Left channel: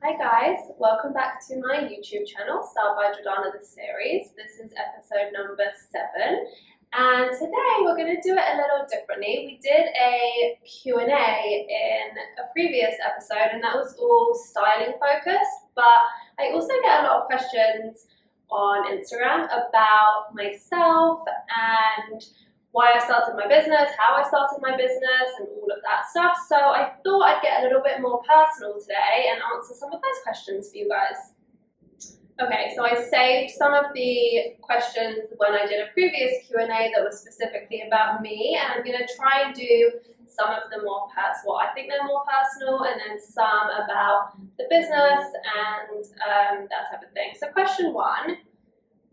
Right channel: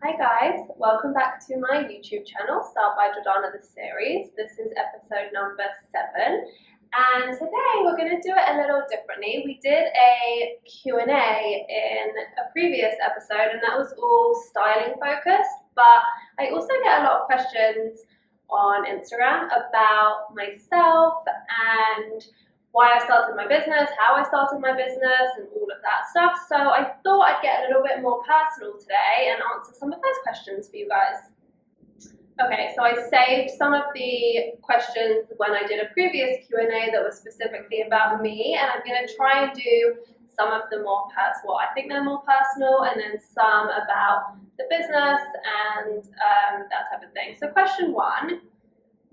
Hi guys, welcome back to my YouTube channel, Styledbyjordanna the series. This is episode number 7 and today we're going to do it a little differently. We did a Q&A in a previous episode and that was all styling focused, but I also get a lot of questions on Instagram about myself and why I started my business, how I started my business, and all of that stuff. So I thought I'd get a little bit more personal today and answer some of those questions for you guys. Okay, so I saved some of the questions when I did a previous Q&A that was specifically about me, and I'm going to try and do some of them more personal. I think they're more personal, and then some about the business and that type of thing. So question 1.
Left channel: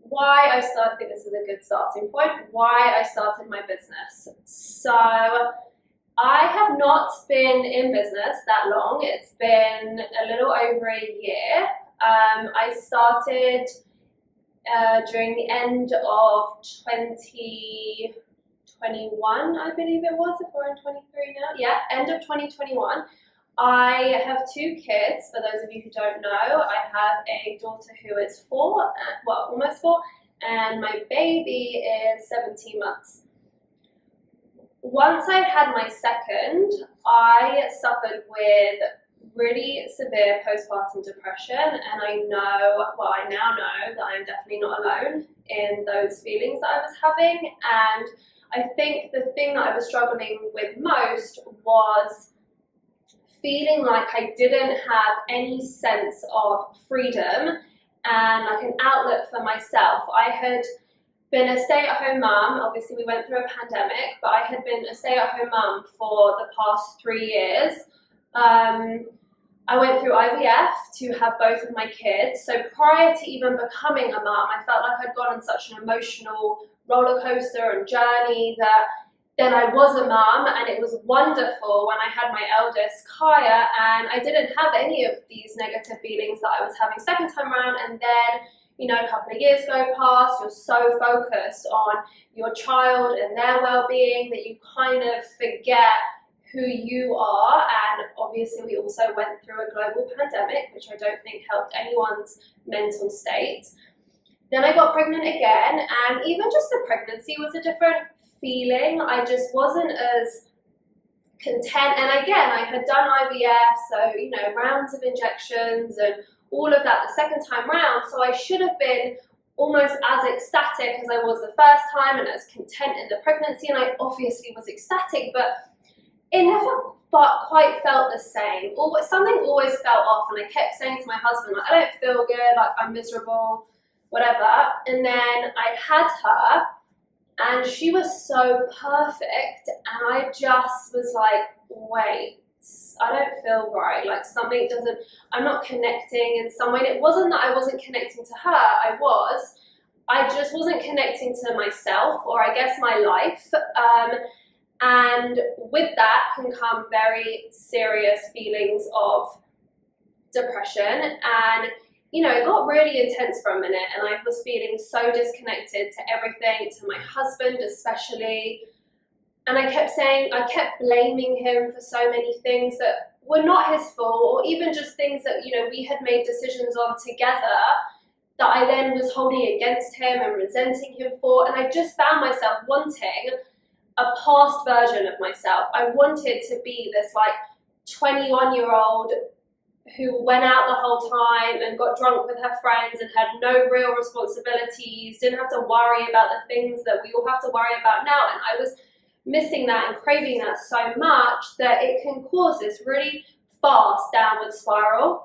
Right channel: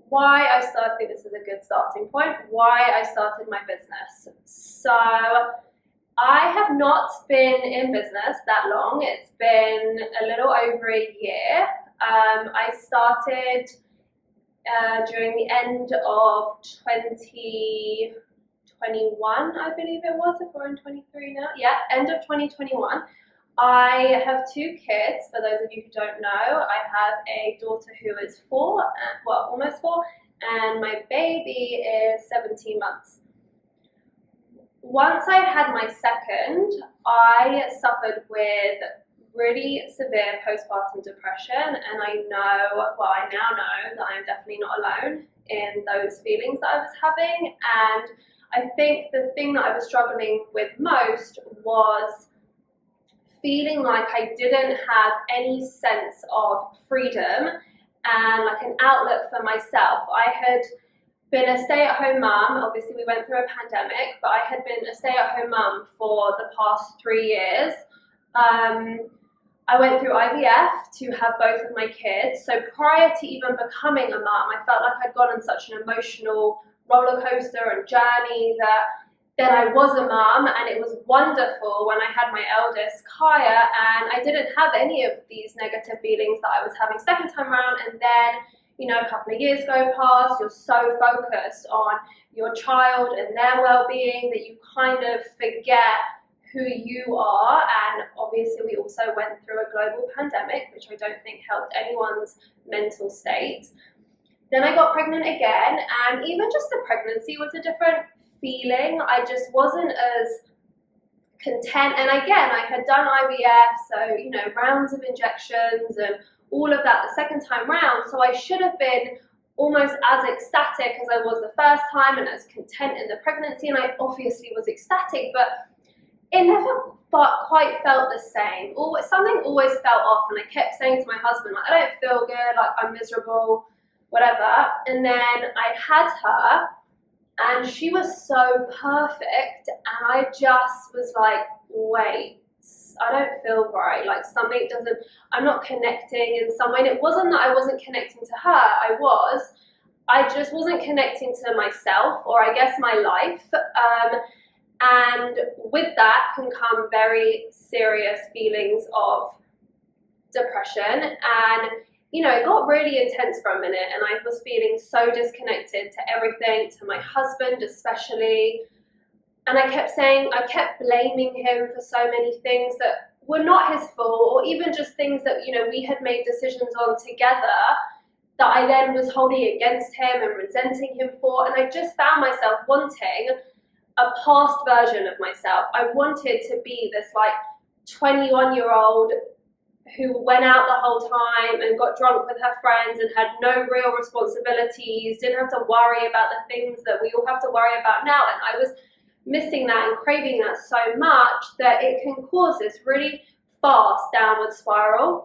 Why I started, I think this is a good starting point, why I started my business. So I have not been in business that long. It's been a little over a year. I started during the end of 2021, I believe it was, if we're in 23 now. Yeah, end of 2021. I have 2 kids, for those of you who don't know. I have a daughter who is 4, well, almost 4, and my baby is 17 months. Once I had my second, I suffered with really severe postpartum depression, and I now know that I'm definitely not alone in those feelings that I was having. And I think the thing that I was struggling with most was feeling like I didn't have any sense of freedom and like an outlet for myself. I had been a stay-at-home mum. Obviously we went through a pandemic, but I had been a stay-at-home mum for the past 3 years. I went through IVF to have both of my kids. So prior to even becoming a mum, I felt like I'd gone on such an emotional roller coaster and journey that then I was a mum, and it was wonderful when I had my eldest, Kaya, and I didn't have any of these negative feelings that I was having second time around. And then, you know, a couple of years go past, you're so focused on your child and their well-being that you kind of forget who you are. And obviously we also went through a global pandemic, which I don't think helped anyone's mental state. Then I got pregnant again, and even just the pregnancy was a different feeling. I just wasn't as content. And again, I had done IVF, so, you know, rounds of injections and all of that the second time round. So I should have been almost as ecstatic as I was the first time and as content in the pregnancy. And I obviously was ecstatic, but it never quite felt the same. Something always felt off, and I kept saying to my husband, like, I don't feel good, like I'm miserable, whatever. And then I had her, and she was so perfect, and I just was like, wait, I don't feel right, like something doesn't, I'm not connecting in some way. And it wasn't that I wasn't connecting to her, I just wasn't connecting to myself, or I guess my life. And with that can come very serious feelings of depression. And you know, it got really intense for a minute, and I was feeling so disconnected to everything, to my husband especially. And I kept blaming him for so many things that were not his fault, or even just things that, you know, we had made decisions on together that I then was holding against him and resenting him for. And I just found myself wanting a past version of myself. I wanted to be this like 21-year-old who went out the whole time and got drunk with her friends and had no real responsibilities, didn't have to worry about the things that we all have to worry about now. And I was missing that and craving that so much that it can cause this really fast downward spiral.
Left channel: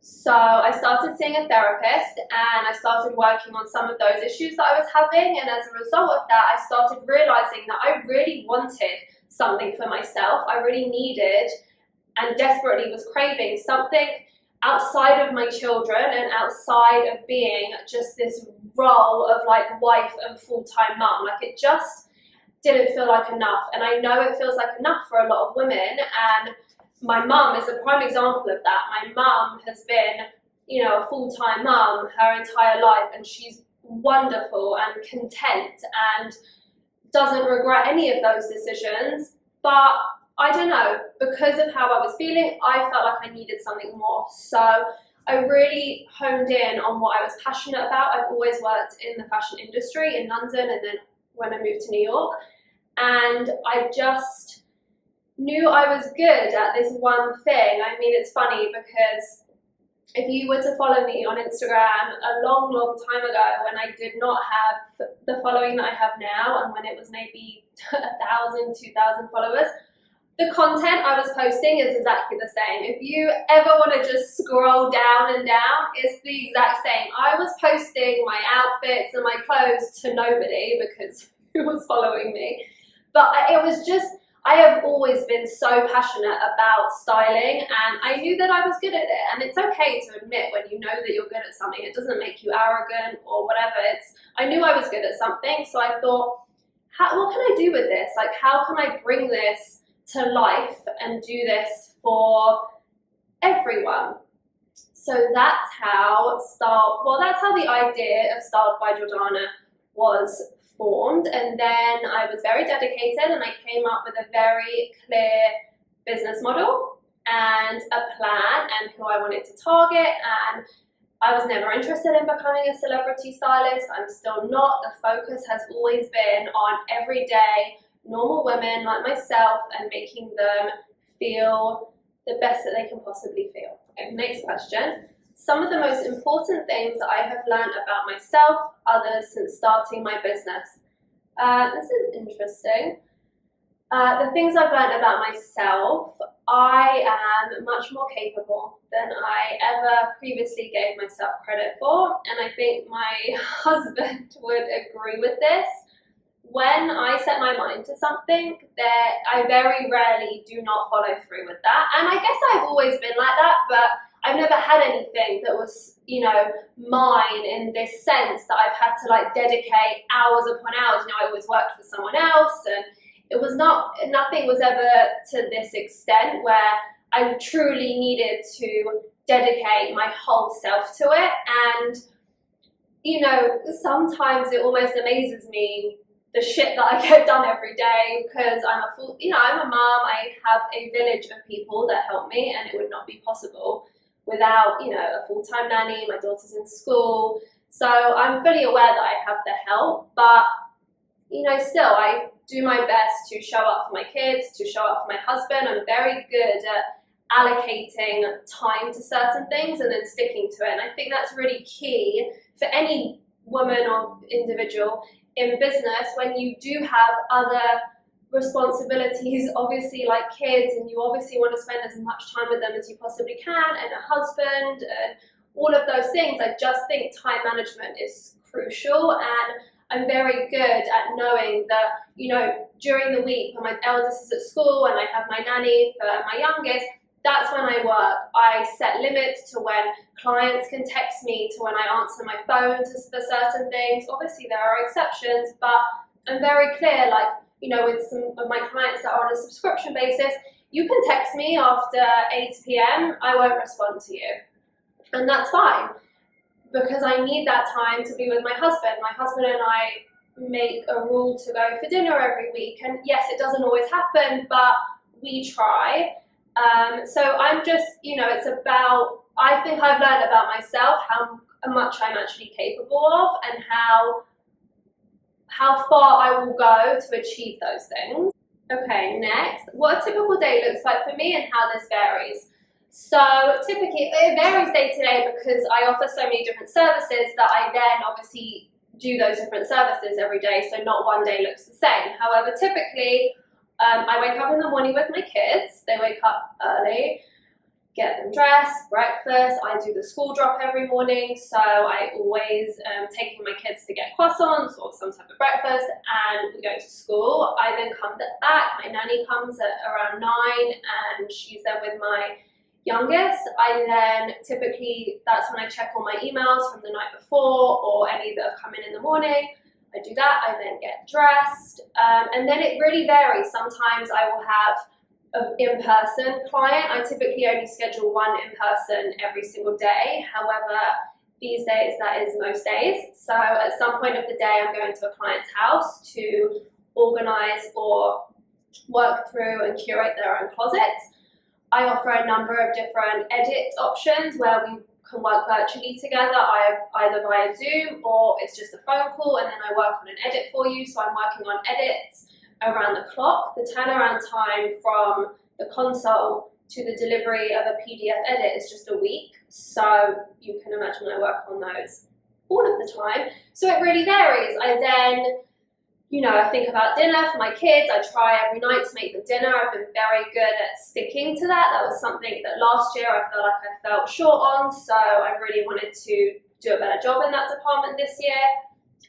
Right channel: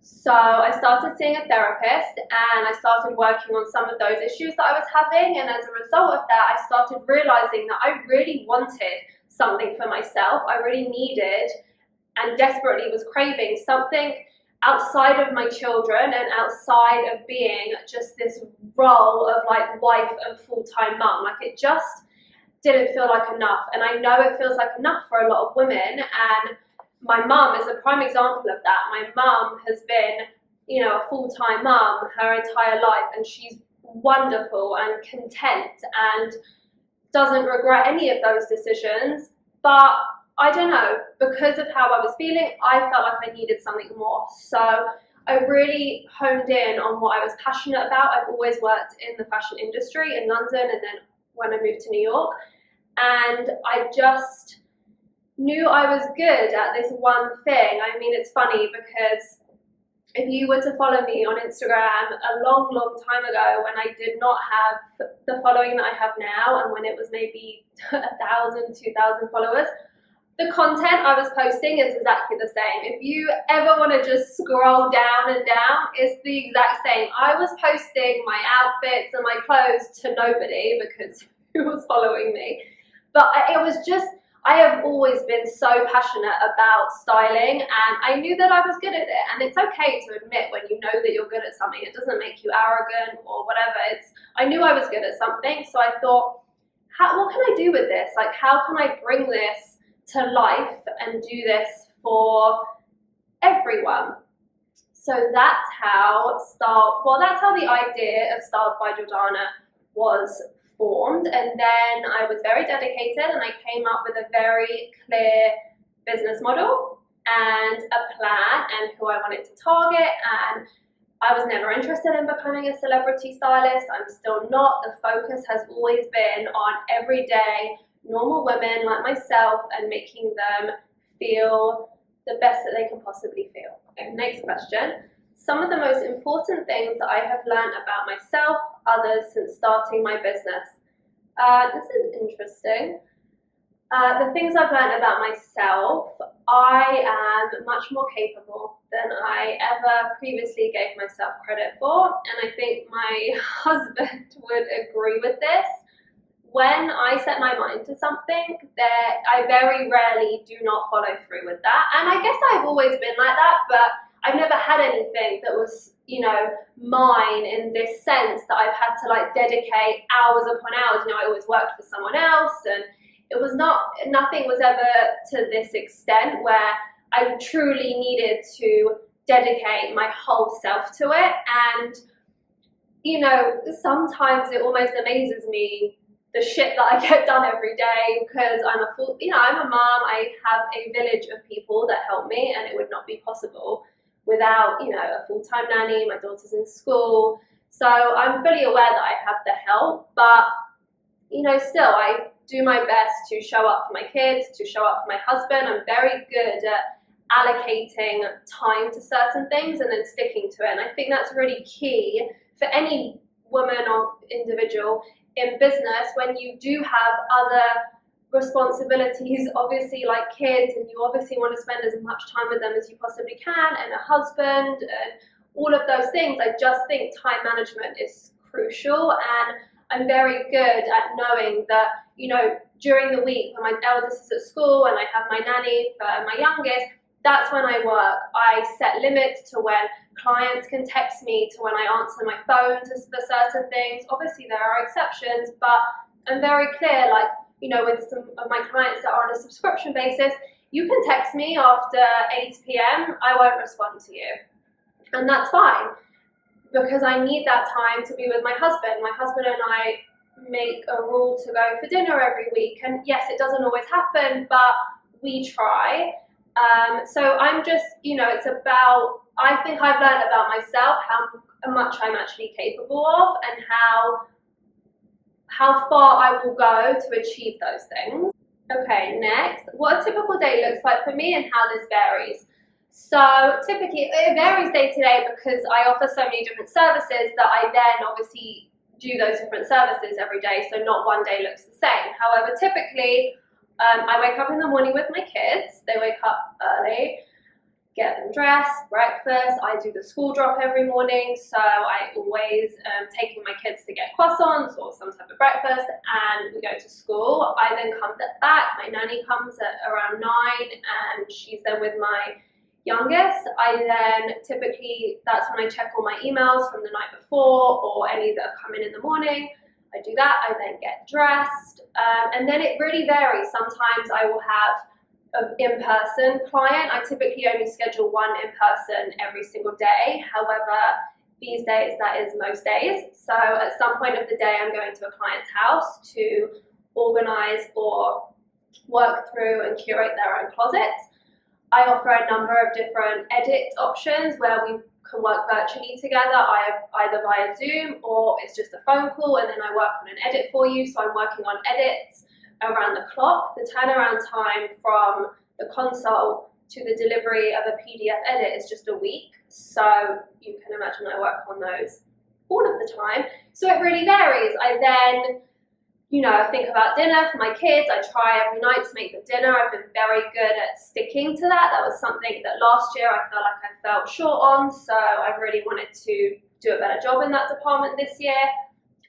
So I started seeing a therapist, and I started working on some of those issues that I was having. And as a result of that, I started realizing that I really wanted something for myself. I really needed and desperately was craving something outside of my children and outside of being just this role of like wife and full-time mum. Like it just didn't feel like enough. And I know it feels like enough for a lot of women, and my mum is a prime example of that. My mum has been, you know, a full-time mum her entire life, and she's wonderful and content and doesn't regret any of those decisions. But I don't know, because of how I was feeling, I felt like I needed something more. So I really honed in on what I was passionate about. I've always worked in the fashion industry in London, and then when I moved to New York, and I just knew I was good at this one thing. I mean, it's funny because if you were to follow me on Instagram a long, long time ago, when I did not have the following that I have now, and when it was maybe 1,000, 2,000 followers, the content I was posting is exactly the same. If you ever want to just scroll down and down, it's the exact same. I was posting my outfits and my clothes to nobody because who was following me? But it was just, I have always been so passionate about styling, and I knew that I was good at it. And it's okay to admit when you know that you're good at something. It doesn't make you arrogant or whatever. I knew I was good at something, so I thought, what can I do with this? Like, how can I bring this to life and do this for everyone? So that's how that's how the idea of Styled by Jordana was formed. And then I was very dedicated, and I came up with a very clear business model and a plan and who I wanted to target. And I was never interested in becoming a celebrity stylist. I'm still not. The focus has always been on everyday normal women like myself and making them feel the best that they can possibly feel. Okay, next question. Some of the most important things that I have learned about myself, others, since starting my business. This is interesting. The things I've learned about myself, I am much more capable than I ever previously gave myself credit for, and I think my husband would agree with this. When I set my mind to something, I very rarely do not follow through with that. And I guess I've always been like that, but I've never had anything that was, mine in this sense that I've had to like dedicate hours upon hours. I always worked for someone else, and nothing was ever to this extent where I truly needed to dedicate my whole self to it. And, sometimes it almost amazes me the shit that I get done every day, because I'm a mom. I have a village of people that help me, and it would not be possible without, a full-time nanny. My daughter's in school. So I'm fully aware that I have the help, but, still I do my best to show up for my kids, to show up for my husband. I'm very good at allocating time to certain things and then sticking to it. And I think that's really key for any woman or individual in business when you do have other responsibilities, obviously, like kids, and you obviously want to spend as much time with them as you possibly can, and a husband, and all of those things. I just think time management is crucial, and I'm very good at knowing that, during the week when my eldest is at school and I have my nanny for my youngest, that's when I work. I set limits to when clients can text me, to when I answer my phone for certain things. Obviously, there are exceptions, but I'm very clear, with some of my clients that are on a subscription basis, you can text me after 8 p.m, I won't respond to you. And that's fine, because I need that time to be with my husband. My husband and I make a rule to go for dinner every week. And yes, it doesn't always happen, but we try. So I'm just, it's about, I think I've learned about myself how much I'm actually capable of, and how far I will go to achieve those things. Okay, next, what a typical day looks like for me and how this varies. So typically, it varies day to day because I offer so many different services that I then obviously do those different services every day, so not one day looks the same. However, typically, I wake up in the morning with my kids. They wake up early, get them dressed, breakfast. I do the school drop every morning, so I always taking my kids to get croissants or some type of breakfast, and we go to school. I then come back. My nanny comes at around 9, and she's then with my youngest. I then typically, that's when I check all my emails from the night before or any that have come in the morning. I do that. I then get dressed, and then it really varies. Sometimes I will have an in-person client. I typically only schedule one in-person every single day. However, these days that is most days. So at some point of the day, I'm going to a client's house to organize or work through and curate their own closets. I offer a number of different edit options where we can work virtually together, either via Zoom or it's just a phone call, and then I work on an edit for you. So I'm working on edits around the clock. The turnaround time from the console to the delivery of a PDF edit is just a week. So you can imagine I work on those all of the time. So it really varies. I then, I think about dinner for my kids. I try every night to make them dinner. I've been very good at sticking to that. That was something that last year I felt like I fell short on. So I really wanted to do a better job in that department this year.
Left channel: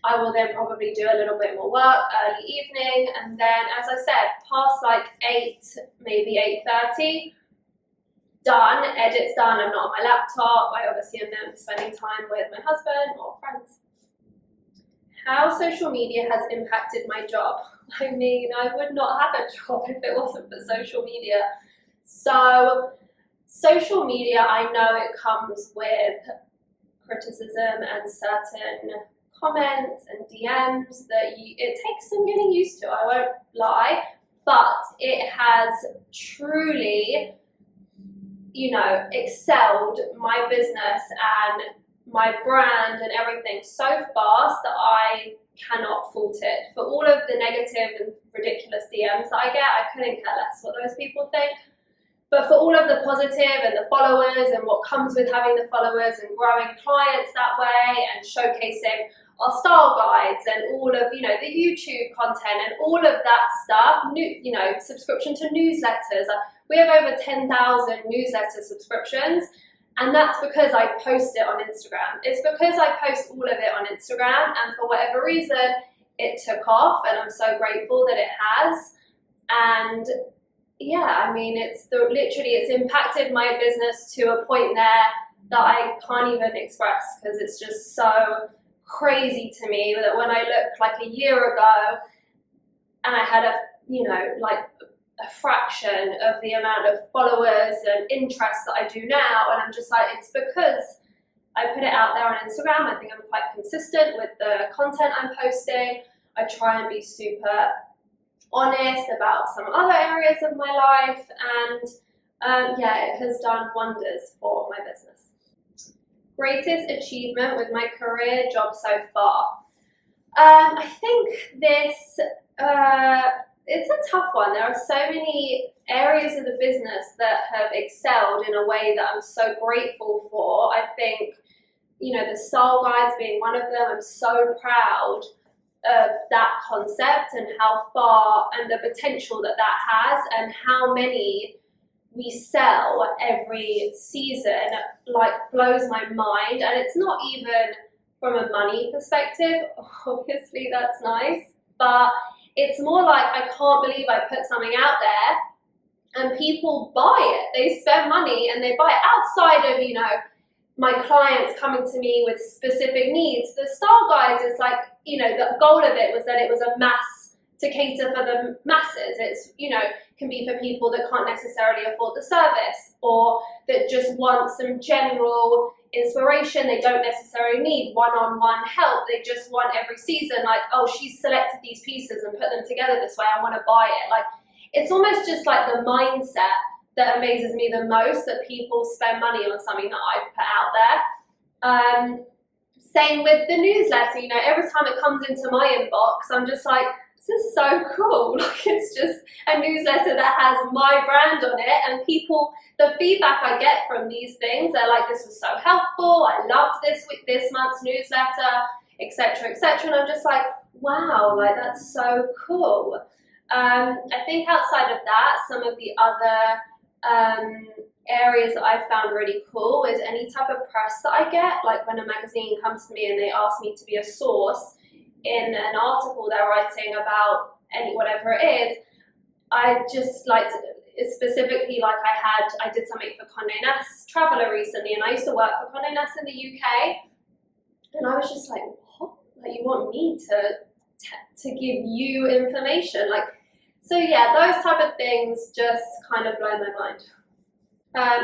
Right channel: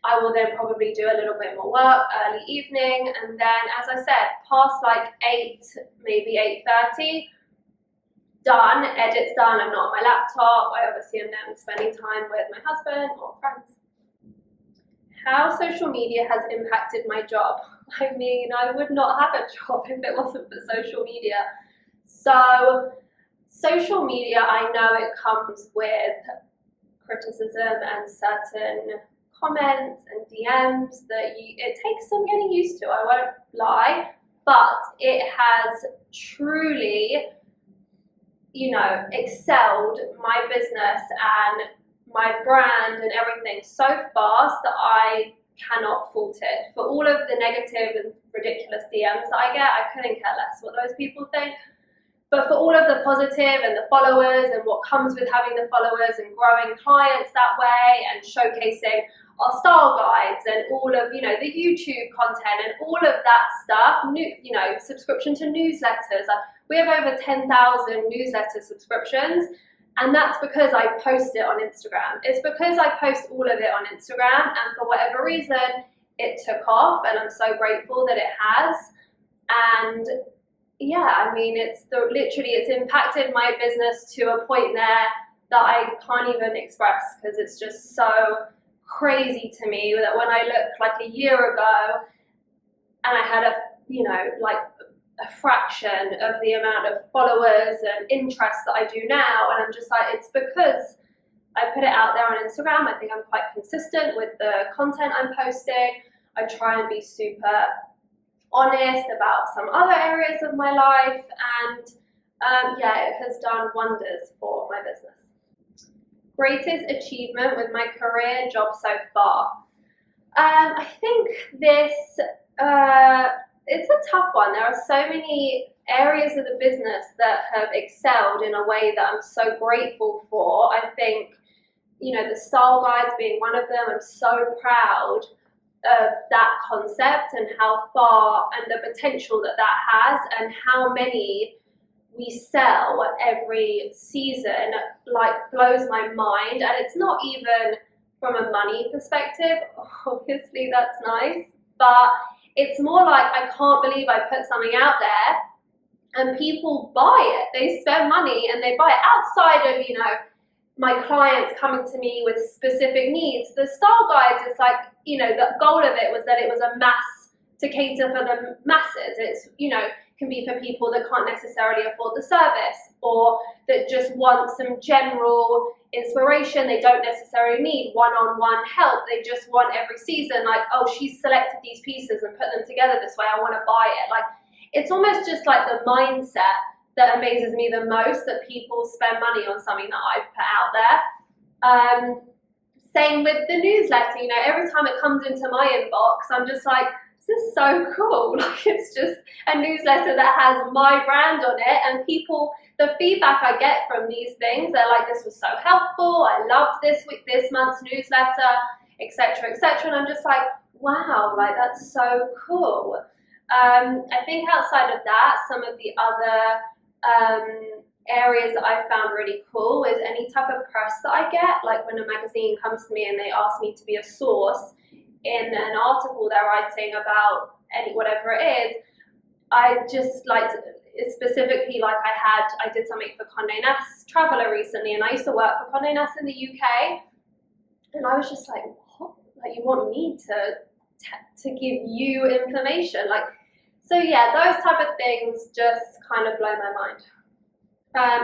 I will then probably do a little bit more work early evening. And then, as I said, past like 8, maybe 8:30, done, edits done. I'm not on my laptop. I obviously am then spending time with my husband or friends. How social media has impacted my job. I mean, I would not have a job if it wasn't for social media. So social media, I know it comes with criticism and certain comments and DMs that it takes some getting used to, I won't lie, but it has truly, excelled my business and my brand and everything so fast that I cannot fault it. For all of the negative and ridiculous DMs that I get, I couldn't care less what those people think. But for all of the positive and the followers and what comes with having the followers and growing clients that way and showcasing our style guides and all of, the YouTube content and all of that stuff, subscription to newsletters. We have over 10,000 newsletter subscriptions, and that's because I post it on Instagram. It's because I post all of it on Instagram, and for whatever reason, it took off, and I'm so grateful that it has. And yeah, I mean, it's impacted my business to a point there that I can't even express, because it's just so crazy to me that when I look like a year ago and I had a fraction of the amount of followers and interest that I do now, and I'm just like, it's because I put it out there on Instagram. I think I'm quite consistent with the content I'm posting. I try and be super honest about some other areas of my life, and it has done wonders for my business. Greatest achievement with my career job so far. I think this, it's a tough one. There are so many areas of the business that have excelled in a way that I'm so grateful for. I think, the style guides being one of them. I'm so proud of that concept and how far and the potential that has, and how many we sell every season, blows my mind. And it's not even from a money perspective. Obviously that's nice, but it's more like, I can't believe I put something out there and people buy it. They spend money and they buy it outside of, my clients coming to me with specific needs. The style guides, it's like, the goal of it was that it was a mass to cater for the masses. It's, can be for people that can't necessarily afford the service, or that just want some general inspiration. They don't necessarily need one-on-one help. They just want every season, like, oh, she's selected these pieces and put them together this way, I want to buy it. Like, it's almost just like the mindset that amazes me the most, that people spend money on something that I've put out there. Same with the newsletter. Every time it comes into my inbox, I'm just like, this is so cool. Like, it's just a newsletter that has my brand on it, and people, the feedback I get from these things, they're like, this was so helpful, I loved this month's newsletter, etc., etc. And I'm just like, wow, like, that's so cool. I think outside of that, some of the other areas that I found really cool is any type of press that I get. Like, when a magazine comes to me and they ask me to be a source in an article they're writing about whatever it is, I just like to, specifically, like I did something for Condé Nast Traveler recently, and I used to work for Condé Nast in the UK, and I was just like, what? Like, you want me to give you information? Like, so yeah, those type of things just kind of blow my mind.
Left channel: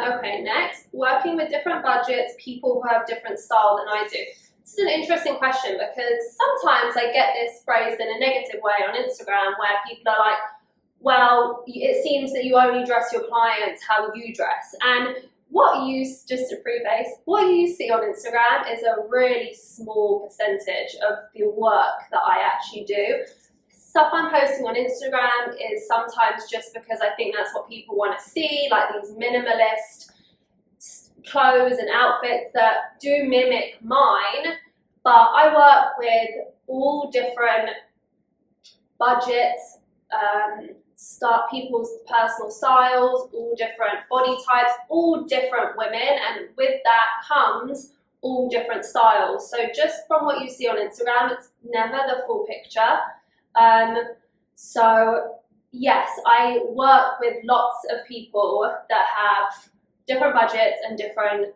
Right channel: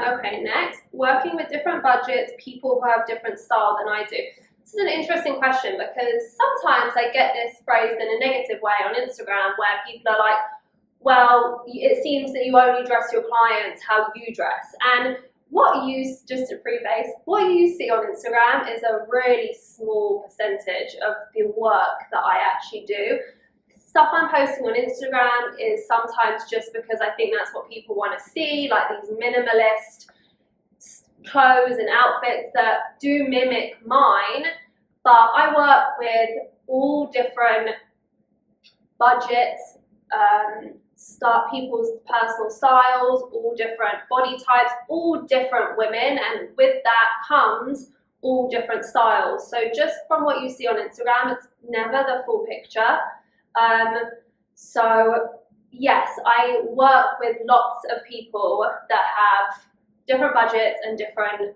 Okay, next, working with different budgets, people who have different style than I do. This is an interesting question, because sometimes I get this phrased in a negative way on Instagram, where people are like, well, it seems that you only dress your clients how you dress. And just to preface, what you see on Instagram is a really small percentage of the work that I actually do. Stuff I'm posting on Instagram is sometimes just because I think that's what people want to see, like these minimalist clothes and outfits that do mimic mine, but I work with all different budgets, people's personal styles, all different body types, all different women, and with that comes all different styles. So just from what you see on Instagram, it's never the full picture. So yes, I work with lots of people that have different budgets and different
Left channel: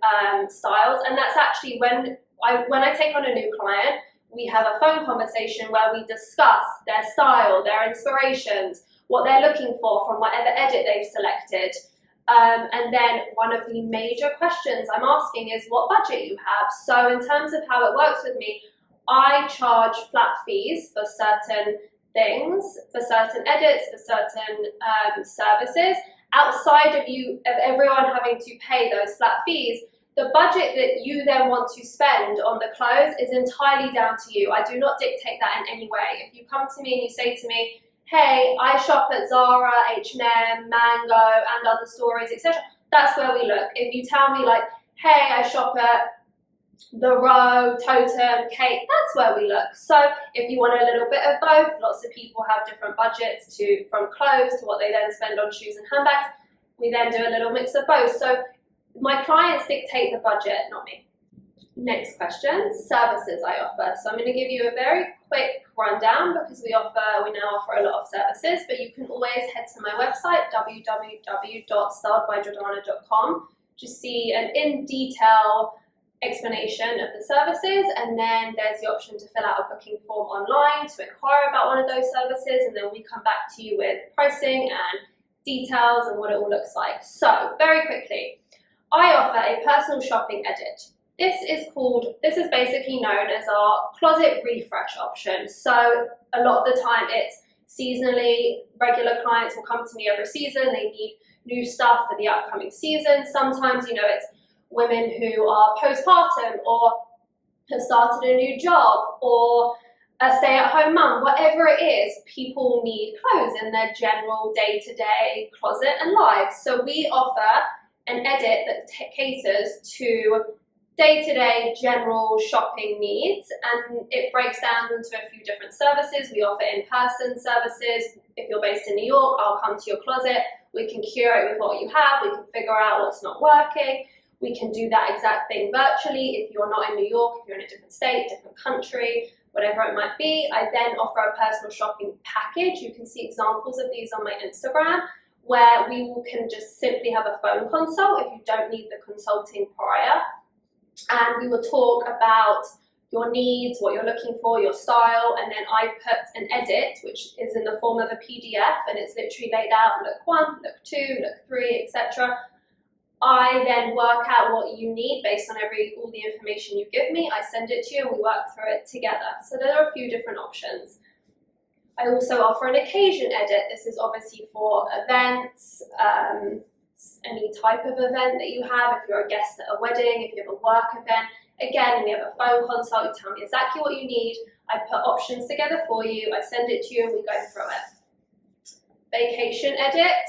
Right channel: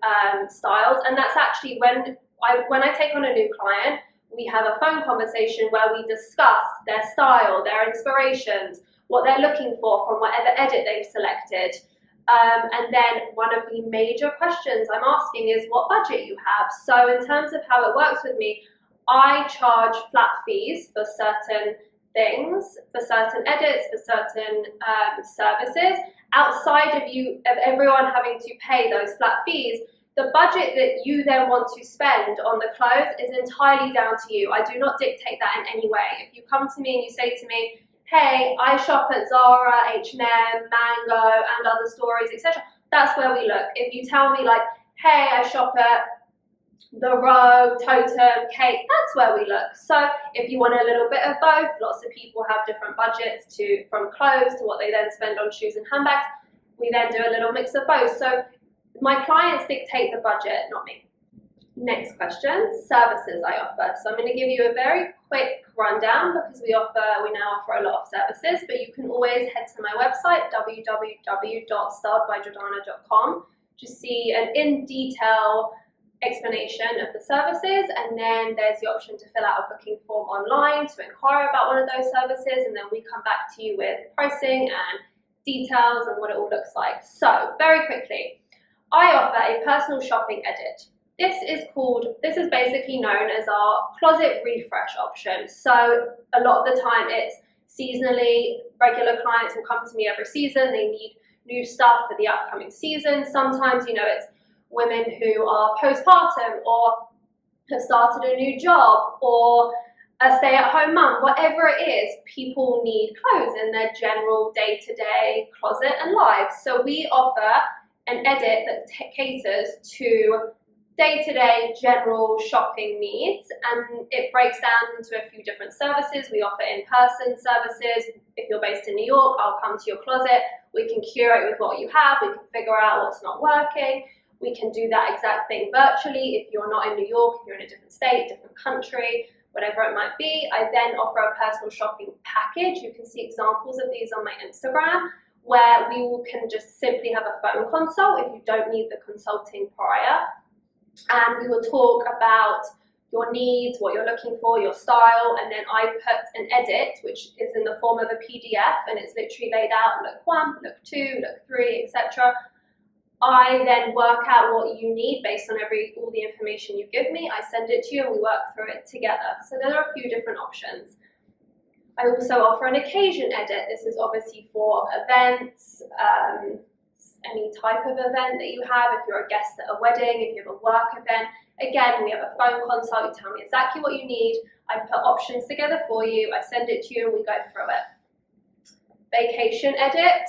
styles, and that's actually when I take on a new client, we have a phone conversation where we discuss their style, their inspirations, what they're looking for from whatever edit they've selected. And then one of the major questions I'm asking is what budget you have. So in terms of how it works with me, I charge flat fees for certain things, for certain edits, for certain services. Outside of everyone having to pay those flat fees, the budget that you then want to spend on the clothes is entirely down to you. I do not dictate that in any way. If you come to me and you say to me, hey, I shop at Zara, H&M, Mango, and other stores, etc., that's where we look. If you tell me like, hey, I shop at The Row, Totem, Kate, that's where we look. So if you want a little bit of both, lots of people have different budgets from clothes to what they then spend on shoes and handbags. We then do a little mix of both. So my clients dictate the budget, not me. Next question, services I offer. So I'm going to give you a very quick rundown because we now offer a lot of services, but you can always head to my website, www.styledbyjordanna.com, to see an in-detail explanation of the services, and then there's the option to fill out a booking form online to inquire about one of those services, and then we come back to you with pricing and details and what it all looks like. So very quickly, I offer a personal shopping edit. This is basically known as our closet refresh option. So a lot of the time it's seasonally, regular clients will come to me every season, they need new stuff for the upcoming season. Sometimes, it's women who are postpartum or have started a new job or a stay-at-home mum, whatever it is, people need clothes in their general day-to-day closet and lives. So we offer an edit that caters to day-to-day general shopping needs, and it breaks down into a few different services. We offer in-person services. If you're based in New York, I'll come to your closet. We can curate with what you have. We can figure out what's not working. We can do that exact thing virtually if you're not in New York, if you're in a different state, different country, whatever it might be. I then offer a personal shopping package. You can see examples of these on my Instagram, where we can just simply have a phone consult if you don't need the consulting prior. And we will talk about your needs, what you're looking for, your style, and then I put an edit, which is in the form of a PDF, and it's literally laid out, look 1, look 2, look 3, etc. I then work out what you need based on all the information you give me. I send it to you and we work through it together. So there are a few different options. I also offer an occasion edit. This is obviously for events, any type of event that you have. If you're a guest at a wedding, if you have a work event, again, we have a phone consult. You tell me exactly what you need. I put options together for you. I send it to you and we go through it. Vacation edit.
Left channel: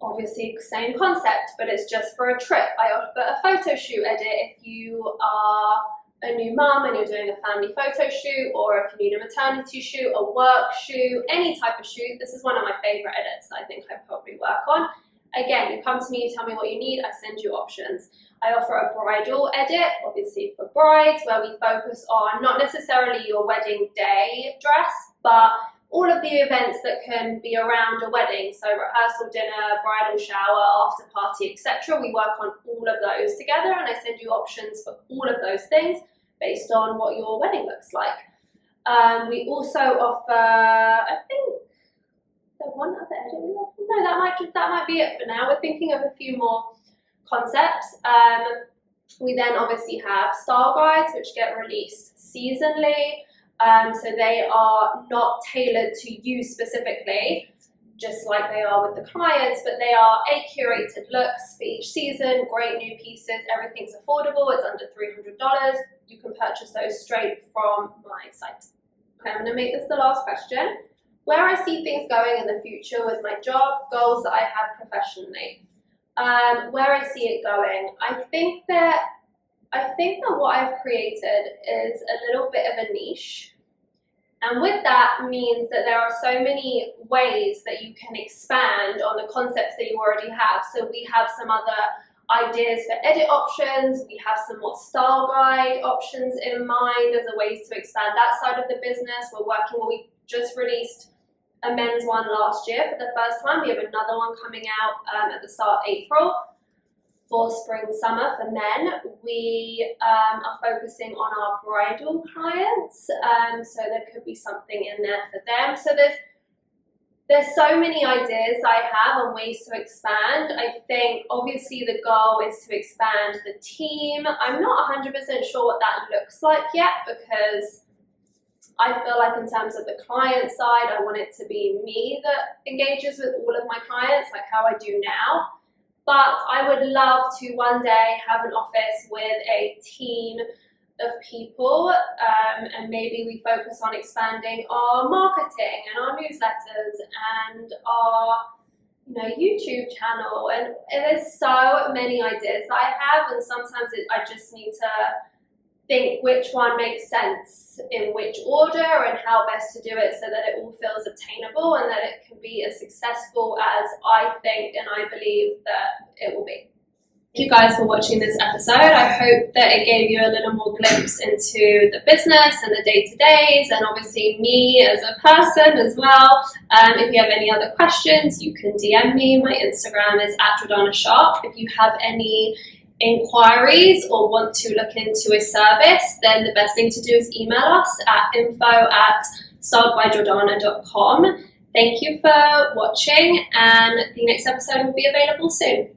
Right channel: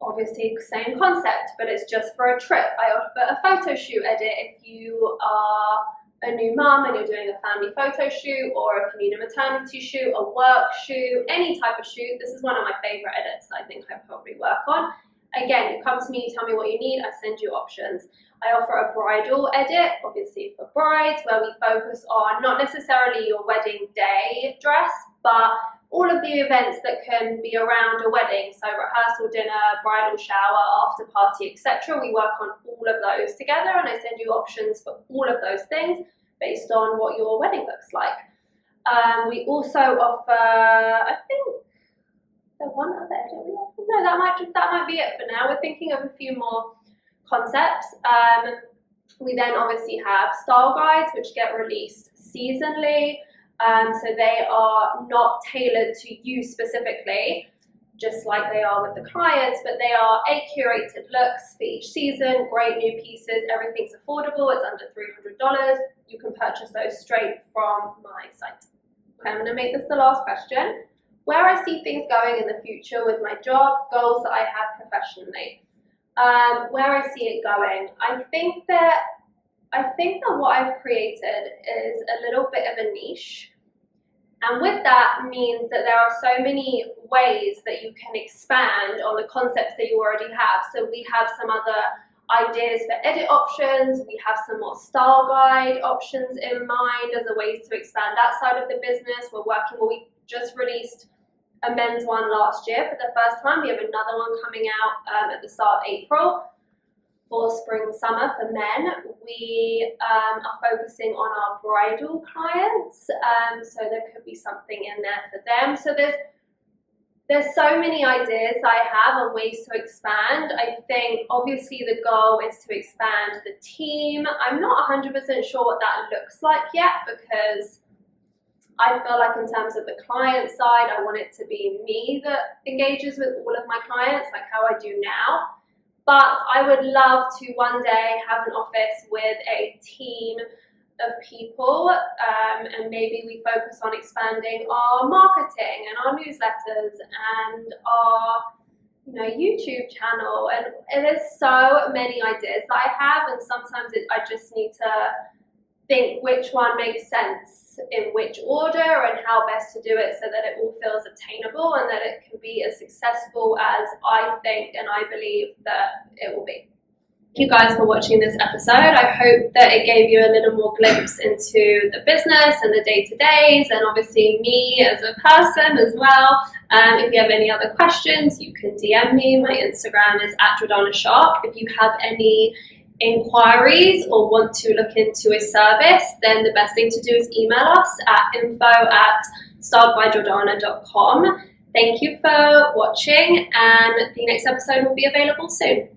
Obviously, same concept, but it's just for a trip. I offer a photo shoot edit if you are a new mum and you're doing a family photo shoot, or if you need a maternity shoot, a work shoot, any type of shoot. This is one of my favorite edits I think I probably work on. Again, you come to me, you tell me what you need, I send you options. I offer a bridal edit, obviously for brides, where we focus on not necessarily your wedding day dress, but all of the events that can be around a wedding. So rehearsal dinner, bridal shower, after party, etc. We work on all of those together, and I send you options for all of those things based on what your wedding looks like. We also offer, I think, is there one other edit we offer? No, that might be it for now. We're thinking of a few more concepts. We then obviously have style guides, which get released seasonally. So they are not tailored to you specifically. just like they are with the clients, but they are curated looks for each season, great new pieces, everything's affordable, it's under $300. You can purchase those straight from my site. Okay, I'm gonna make this the last question. Where I see things going in the future with my job, goals that I have professionally. Where I see it going, I think that what I've created is a little bit of a niche. And with that means that there are so many ways that you can expand on the concepts that you already have. So we have some other ideas for edit options. We have some more style guide options in mind as a ways to expand that side of the business. We just released a men's one last year for the first time. We have another one coming out at the start of April for spring, summer for men. We are focusing on our bridal clients, so there could be something in there for them. So there's so many ideas I have on ways to expand. I think obviously the goal is to expand the team. I'm not 100% sure what that looks like yet, because I feel like in terms of the client side, I want it to be me that engages with all of my clients, like how I do now. But I would love to one day have an office with a team of people, and maybe we focus on expanding our marketing and our newsletters and our YouTube channel. And there's so many ideas that I have, and sometimes I just need to think which one makes sense in which order and how best to do it so that it all feels obtainable and that it can be as successful as I think and I believe that it will be. Thank you guys for watching this episode. I hope that it gave you a little more glimpse into the business and the day-to-days, and obviously me as a person as well. If you have any other questions, you can DM me. My Instagram is @JordannaSharp. If you have any inquiries or want to look into a service, then the best thing to do is email us at info@styledbyjordanna.com. Thank you for watching, and the next episode will be available soon.